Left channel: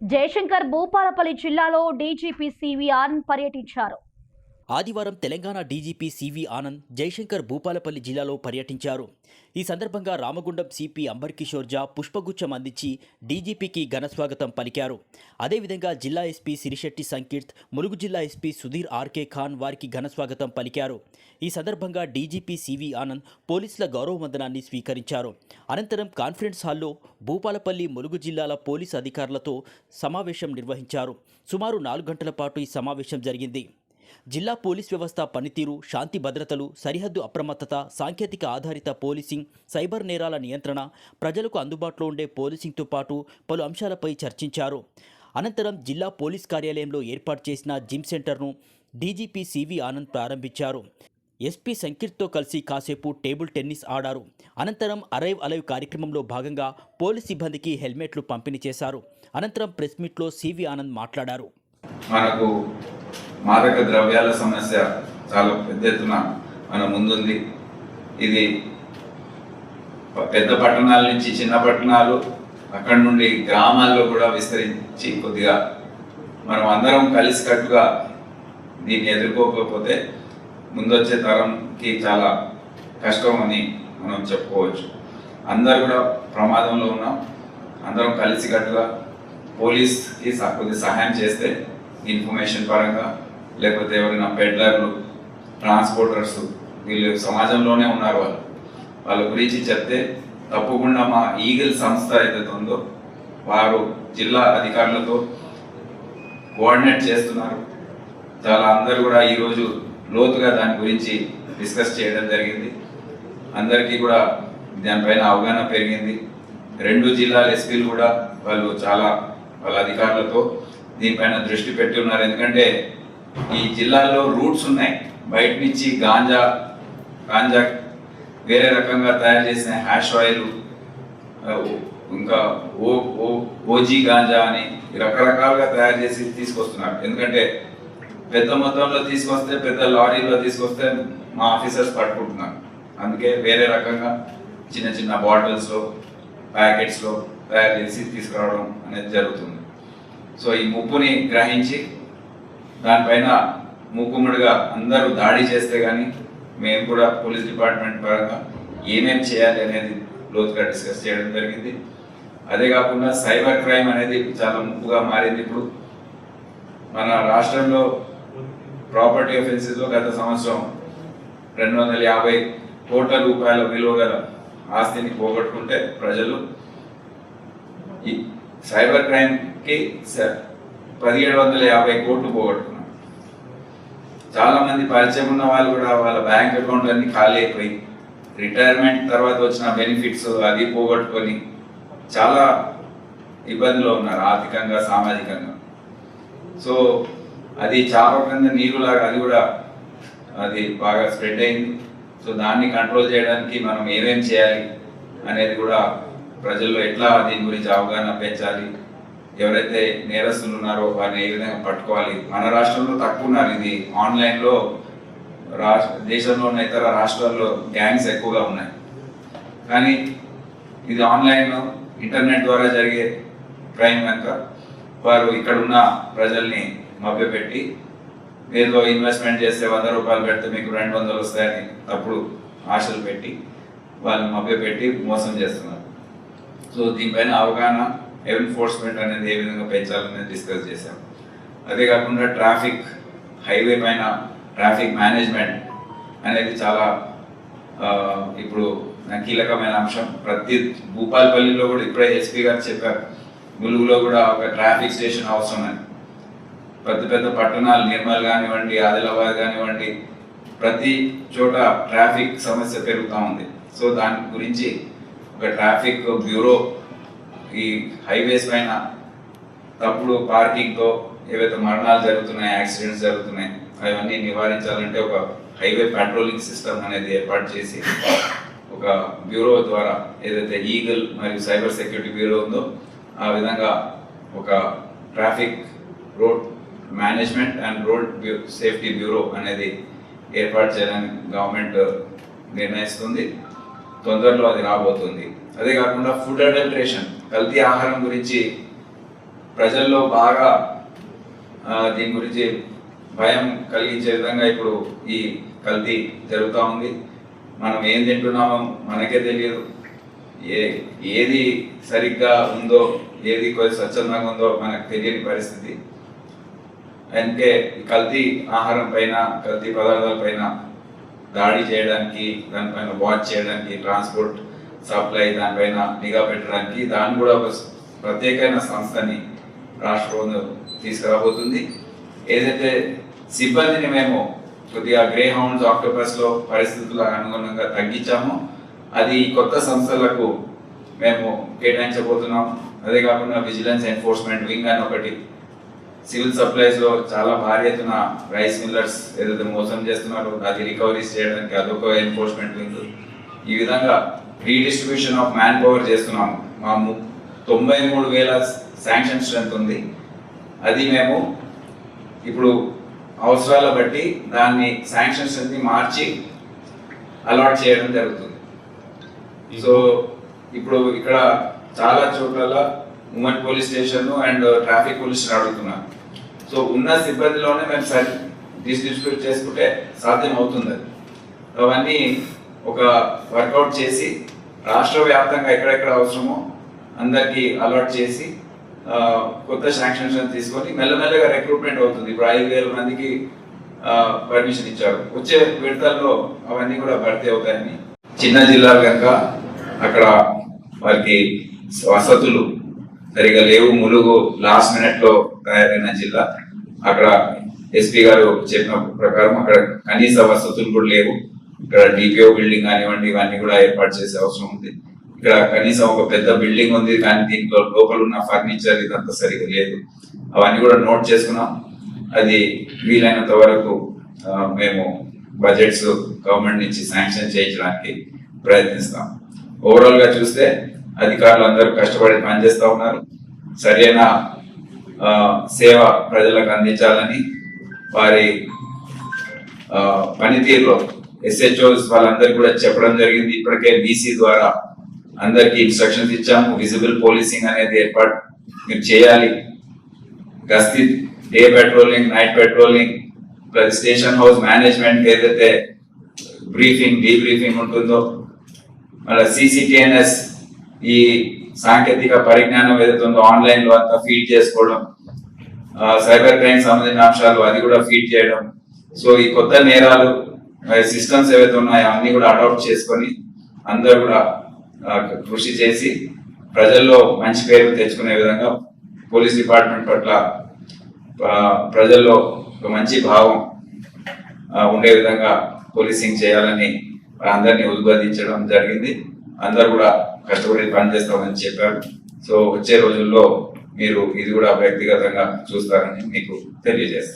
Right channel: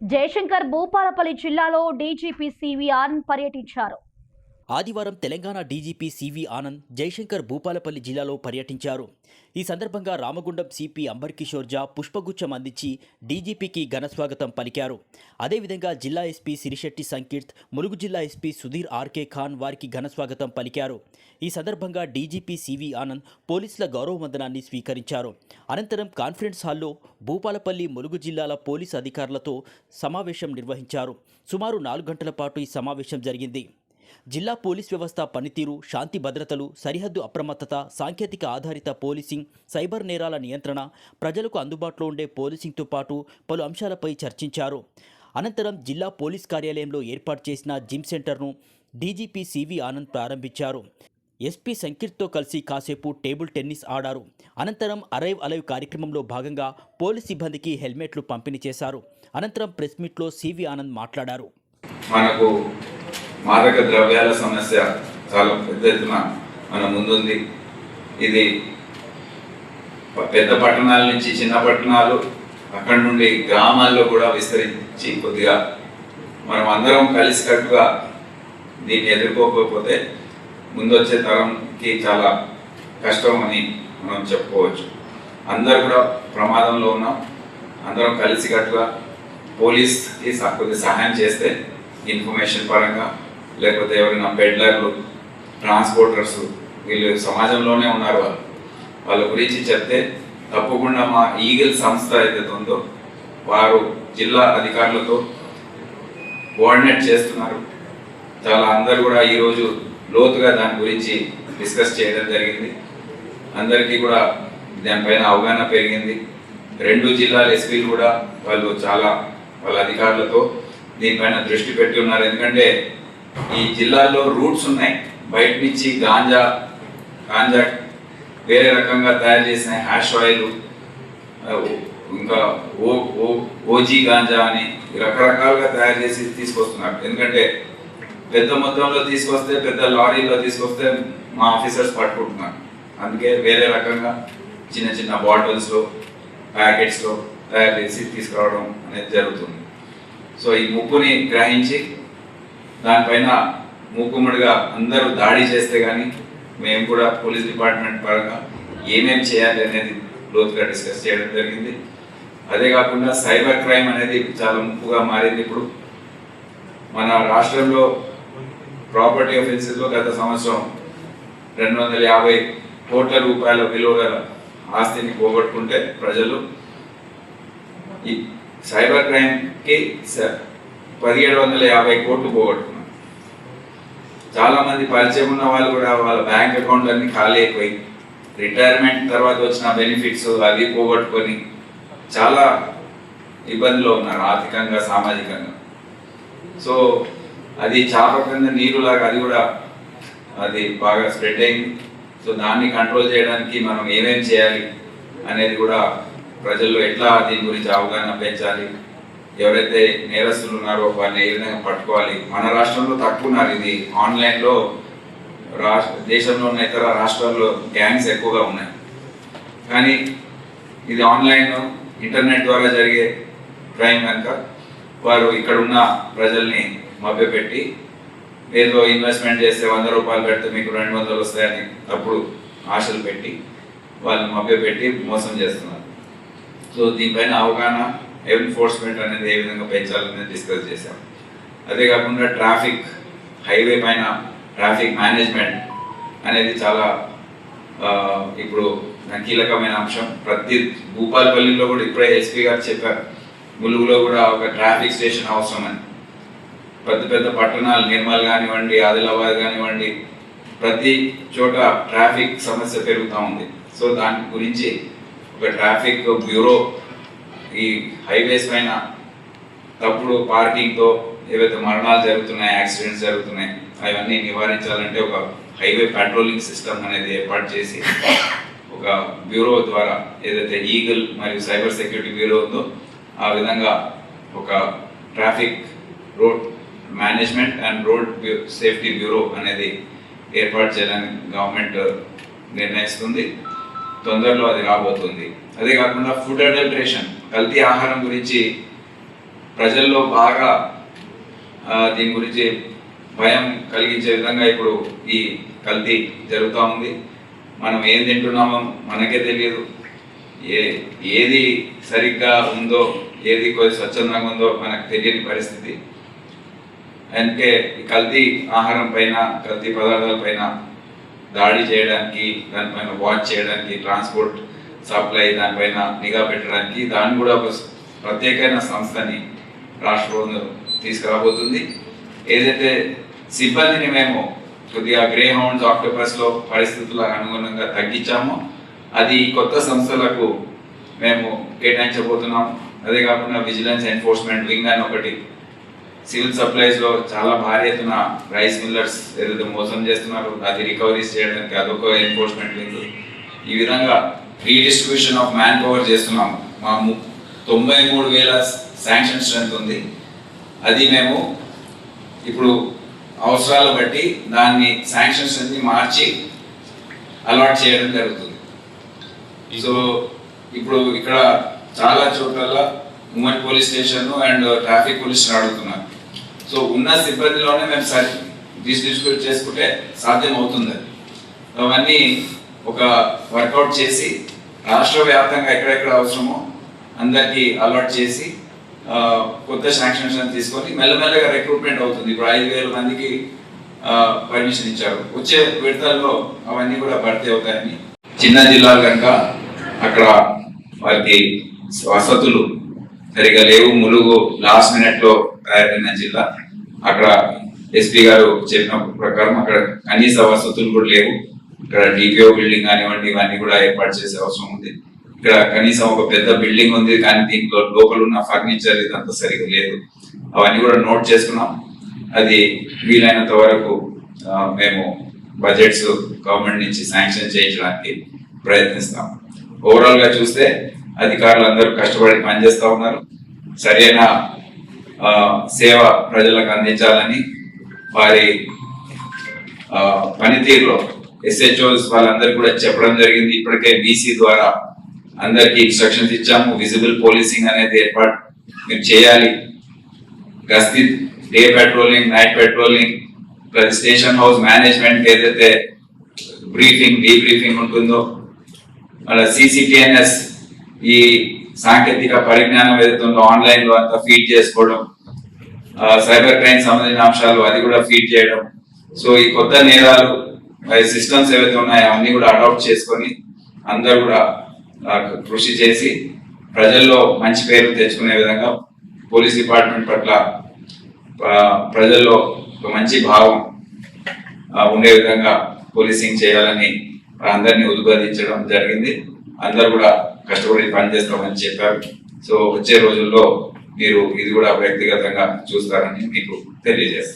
జయశంకర్ భూపాలపల్లి జిల్లాలో DGP CV Anand పర్యటించారు. ఆదివారం తెలంగాణ డీజీపీ సివి ఆనంద్ జయశంకర్ భూపాలపల్లి జిల్లాలో పర్యటించారు. ఈ సందర్భంగా రామగుండం సిపి అంబర్ కిషోర్ జా పుష్పగుచ్చం అందించి డీజీపీకి ఘనస్వాగతం పలికారు. అదేవిధంగా జిల్లా ఎస్పీ సిరిశెట్టి సంకీర్త్, ములుగు జిల్లా ఎస్పీ సుధీర్ ఆర్కే ఖాన్ వారికి ఘనస్వాగతం పలికారు. ఈ సందర్భంగా డీజీపీ సివి ఆనంద్ పోలీసుల గౌరవ వందనాన్ని స్వీకరించారు. అనంతరం కాన్ఫరెన్స్ హాల్లో భూపాలపల్లి, ములుగు జిల్లాల పోలీసు అధికారులతో సమావేశం నిర్వహించారు. సుమారు 4 గంటల పాటు ఈ సమావేశం జరిగింది. జిల్లా పోలీస్ వ్యవస్థ పనితీరు, శాంతి భద్రతలు, సరిహద్దు అప్రమత్తత, సాంకేతిక ఆధారిత పోలీసింగ్, సైబర్ నేరాల నియంత్రణ, ప్రజలకు అందుబాటులో ఉండే పోలీసింగ్తో పాటు పలు అంశాలపై చర్చించారు. అనంతరం జిల్లా పోలీస్ కార్యాలయంలో ఏర్పాటు చేసిన జిమ్ సెంటర్ను డీజీపీ సివి ఆనంద్ ప్రారంభించారు. ఎస్పీ సంకీర్త్తో కలిసి కాసేపు టేబుల్ టెన్నిస్ ఆడారు. అనంతరం అరైవ్ అలైవ్ కార్యక్రమంలో భాగంగా పోలీస్ సిబ్బందికి హెల్మెట్లు పంపిణీ చేశారు. అనంతరం ప్రెస్ మీట్లో సివి ఆనంద్ మాట్లాడారు. మనకు మాదక ద్రవ్యాల సమస్య చాలా పెద్ద ఎత్తున మన ముందుంది. ఇది పెద్ద పట్టణాల నుంచి చిన్న పట్టణాలు, అక్కడి నుండి గ్రామాల్లో కూడా విస్తరించి కొద్దిగా మనం అందరం కలిసికట్టుగా దీన్ని ఎదుర్కోకపోతే ముందొచ్చే తరంకి చాలా కష్టం అని మనం చెప్పుకోవచ్చు. అందరూ కూడా ప్రమాదంలో ఉన్నాం. అందరం కలిసికట్టుగా పోలీస్కి కొద్దిగా సహాయం చేస్తే ఇన్ఫర్మేషన్ పరంగా, లేకపోతే ఎవరైనా పెడ్లర్లు, ట్రాన్స్పోర్టర్స్, వీళ్ళు సమాజంలోనే ఉన్నారు, వాళ్ళ గురించి చెప్తే తప్పకుండా మా ఈగిల్ సంస్థ ఏదైతే ఉందో వారు జిల్లా అధికారులతో కోఆర్డినేట్ చేస్తున్నారు. చాలా అందరు కూడా ఈరోజు లోతుగా దాని గురించి డిస్కస్ చేయడం జరిగింది. అందరికీ కూడా దానిపైన అవగాహన పెరిగింది. 2 జిల్లాల ఎస్పీలు కూడా వాళ్ళు చాలా వాళ్ళ అధికారులతో దీనిపైన దృష్టి పెట్టి ఉన్నారు. ఎందుకంటే ఈ జిల్లాల్లో రూట్స్ ఉన్నాయి. బయట నుంచి గాంజా వేరే రకంగా తయారు చేసిన హ్యాష్ ఆయిల్, ఇంకా ఓజీ గాంజా అని రకరకాలుగా తయారు చేసి తీసుకొస్తున్నారు. ఎందుకంటే పెద్ద మొత్తంలో తీసుకొస్తే, పెద్ద లారీలో తీసుకొస్తే మా ఆఫీసర్స్ పట్టుకుంటున్నారు. అందుకే వేరే రకంగా చిన్న చిన్న బాటిల్స్లో, ప్యాకెట్స్లో తయారు చేసి తీసుకురావడం అనేది జరుగుతుంది. సో ఈ ముప్పుని గ్రహించి దానిపైన మూకుమ్మడిగా అందరూ దాడి చేస్తే కానీ మేము కూడా పోలీస్ డిపార్ట్మెంట్ పరంగా ఏమేమి చేయాలి అనేది లోతుగా డిస్కస్ చేయడం జరిగింది. అదే కాకుండా సైబర్ క్రైమ్ అనేది చాలా ముప్పుగా మారింది. ఇప్పుడు మన రాష్ట్రంలో ప్రాపర్టీ ఆఫెన్సెస్లో గత సంవత్సరం 250 కోట్ల రూపాయల విలువ గల ఆస్తిని పోగొట్టుకుంటే ప్రజలు, ఈ సైబర్ క్రైమ్కి 1750 కోట్లు పోగొట్టుకున్నారు. చాలా మంది పరిచయం ఉన్న వాళ్ళు కూడా వాళ్ళ బ్యాంక్ అకౌంట్ అన్ని ఖాళీ అయిపోయి, రిటైర్మెంట్ తర్వాత వచ్చిన బెనిఫిట్స్ అది పోగొట్టుకొని చాలా ఇబ్బందిలో ఉన్నారు ఆర్థికంగా, సామాజికంగా. సో అది చాప కింద నీరులాగా అది కూడా అది బాగా స్ప్రెడ్ అయింది. సో దాన్ని కంట్రోల్ చేయడానికి మనం ఏమేం చేయాలి అనేది కూడా ప్రజల్లో ఎట్లా దీని గురించి అవగాహన పెంచాలి, ఎవరైతే నేరస్తులు ఉన్నారో వారిని ఏ విధంగా పట్టుకోవాలి. మన రాష్ట్రంలో తక్కువ ఉన్నారు. ఇది ఆన్లైన్లో దేశంలోని ఇతర రాష్ట్రాల్లో గ్యాంగ్స్ ఎక్కువగా ఉన్నాయి. కానీ ఇది ఆన్లైన్, ఇంటర్నెట్ ద్వారా జరిగే క్రైమ్ కనుక వారు ఇక్కడ ఉన్న ప్రజల్ని మభ్యపెట్టి ఏదో ఇన్వెస్ట్మెంట్ చేస్తే 100 రూపాయలు పెడితే మీకు 200 వస్తాయని తప్పుడు ఆశలు పెట్టి వాళ్ళని మభ్యపెట్టి మోసం చేస్తున్నారు. సో దీనిపైన అవగాహన, ఎన్ఫోర్స్మెంట్ అనేది ఏ విధంగా పెంచాలనేది డిస్కస్ చేశాం. అదే కాకుండా ట్రాఫిక్, హైవే పైన ట్రాఫిక్ మేనేజ్మెంట్ అనేది చాలా ఇప్పుడు కీలకమైన అంశం. ప్రతి భూపాలపల్లిలో కూడా ఇప్పుడే ఎస్పీ గారు చెప్పారు, ములుగులో కూడా ఒక ట్రాఫిక్ స్టేషన్ అవసరమని. పెద్ద పెద్ద పట్టణాలు, నిర్మల్ కానివ్వండి, ఆదిలాబాద్ కానివ్వండి, ప్రతి చోట ట్రాఫిక్ సమస్య పెరుగుతూ ఉంది. సో దాని గురించి ఒక ట్రాఫిక్ బ్యూరో, ఈ హైవేస్ పైన తప్పుడు పార్కింగ్తో ఏవైతే మరణాలు జరుగుతున్నాయి, యాక్సిడెంట్స్ జరుగుతున్నాయి, అవన్నీ నివారించాలంటే ఒక హైవే పెట్రోలింగ్ సిస్టమ్ అనేది ఏర్పాటు చేసి ఒక బ్యూరో ద్వారా, ఏదైతే ఈగల్ మరియు సైబర్ సెక్యూరిటీ బ్యూరో ఉందో ఆ విధంగా ఒక traffic, road management and road safety bureau అనేది ఏర్పాటు చేయాలని గవర్నమెంట్ నిర్ణయిస్తుంది. తొందరలో అది రాబోతుంది. అదే కాకుండా ఫుడ్ అడల్ట్రేషన్, కల్తీ ఆహారం గురించి ప్రజల్లో బాగా దీని గురించి భయం కలిగించే విధంగా ఇప్పుడు ఈ కల్తీ జరుగుతూ ఉంది. మనం ఏం తింటున్నామో మనకే తెలియదు, ఏది సరిగ్గా ఉందో ఏది కొంచెం స్వచ్ఛందంగా ఉందో మనకు తెలియని పరిస్థితి. అందుకే ఈ కల్తీ ఆహారం పైన, కల్తీ పదార్థాల పైన దాడి చేయడానికి, దానిపైన వాచ్ చేయడానికి, ట్రాన్స్పోర్ట్ సప్లై దానిపైన నిఘా పెట్టడానికి దాన్ని కూడా ఒక ప్రత్యేకమైన సంస్థని రాష్ట్ర ప్రభుత్వం తీసుకురాబోతుంది. ఏదైతే సిబ్బందిని మేము కొద్దిగా గ్రే హౌండ్స్, ఆక్టోపస్లో పరిస్థితులకు అనుగుణంగా తగ్గించామో అది కొత్త సంస్థలకు మేము కేటాయించబోతున్నాం. అదే కాకుండా విజిలెన్స్ ఎన్ఫోర్స్మెంట్ వింగ్ అని ఒకటి, సివిల్ సప్లైస్లో చాలా భారీ ఎత్తున రైస్ మిల్లర్స్ ఏదైతే మోసం చేస్తున్నారో అది రికవరీస్ చేయడానికి అదొక ఎన్ఫోర్స్మెంట్ వింగ్. ఈ విధంగా రీడిస్ట్రిబ్యూషన్ ఆఫ్ మ్యాన్ పవర్ చేస్తున్నాం. మా 93,000 శాంక్షన్ స్ట్రెంత్ ఉంది. అది మేము ఇప్పుడు అవసరాల బట్టి దాన్ని శాంక్షన్ స్ట్రెంత్ని మార్చి అలాట్ చేయడం జరుగుతుంది. సో ఇప్పుడు ఇక్కడ చాలా చోట్ల women police station and traffic police అడుగుతున్నారు. సో ఉన్న సిబ్బందిలోనే మేము డిస్ట్రిబ్యూట్ చేసుకుంటే సాధ్యం అవుతుంది. అవన్నీ ఒక వర్కౌట్ చేసి రాష్ట్ర వ్యాప్తంగా ఎక్కడెక్కడ అవసరమో అందరికీ అలాట్ చేసి కొత్త శాంక్షన్స్ తీసుకొని మెల్లమెల్లగా రిక్రూట్మెంట్ అవుతుంది. ఇప్పుడు 5,000 మందికి పర్మిషన్ ఇచ్చారు. వచ్చే విడతల్లో అవన్నీ కూడా భర్తీ అవుతాయని. చిన్న జిల్లాలు కనుక అక్కడ వారికి వసతులు సరిగా లేవు. ములుగు లాస్ట్ మినిట్ లో తయారైన జిల్లా. అక్కడ ఎస్పీ గారు చెప్పిన ప్రకారం అక్కడ కనీస వసతులు కూడా లేవు. ఇక్కడ డిపిఓ బిల్డింగ్ కానివ్వండి ఇవన్నీ కూడా ఏర్పాటు చేసే అవసరం ఉంది. ఇక్కడ కనీసం ఒక పెద్ద బిల్డింగ్ ఉంది, కానీ దీంట్లో లోపల ఉన్న ఫర్నిచర్ ఇదంతా సరిగా లేదు. అవన్నీ కూడా నోట్ చేసుకున్నాం. అది వీలైనంత వరకు మేము బడ్జెట్స్ గవర్నమెంట్ నుంచి శాంక్షన్ చేయించడానికి ప్రయత్నిస్తాం. ఓవరాల్ గా చూస్తే అధికారులు అందరూ కష్టపడి పనిచేస్తూ ఉన్నారు. సరైన సేవ ప్రజలకు అందించాలని వారి పనితీరులో ఎస్హెచ్ఓస్ వాళ్ళందరూ కూడా చెప్పడం జరిగింది. ఇప్పటికే బీసీ ద్వారా అందరికి ఇన్స్ట్రక్షన్స్ ఇచ్చాము. విజిబుల్ పోలీసింగ్ అనేది ఏర్పాటు మీరు చేయాలి. గస్తీ, day patrolling, night patrolling, plus station house management ఏదైతే బ్రీఫింగ్, డీబ్రీఫింగ్ ఉంటుందో, మళ్ళీ CCTNS ఈ సాంకేతిక పరిజ్ఞానం ఏదైతే ఉందో ఆన్లైన్ లో అంతా ఫీడ్ చేసుకోవడం, సైబర్ క్రైమ్ సంబంధించిన అంశాలు అది కూడా ఫీడ్ చేయడం. సో ఈ కొత్త నేరాలు సిస్టమ్స్ ఏవైతే ఉన్నాయో అన్ని కూడా అడాప్ట్ చేసుకొని అందరూ కూడా కృషి చేసి ప్రజల్లో మంచి పేరు తెచ్చుకునే విధంగా పోలీస్ డిపార్ట్మెంట్ పట్ల ప్రజల్లో ఒక మంచి భావం ఉండే విధంగా పోలీసింగ్ చేయాలని అందరినీ ఉద్బోధించడం జరిగింది. అందరు కూడా కష్టపడి పనిచేస్తామని చెప్పారు. సో వచ్చే రోజుల్లో మీరు ఇది కూడా వ్యక్తిగతంగా చూస్తారని మీకు తెలియజేస్తాను.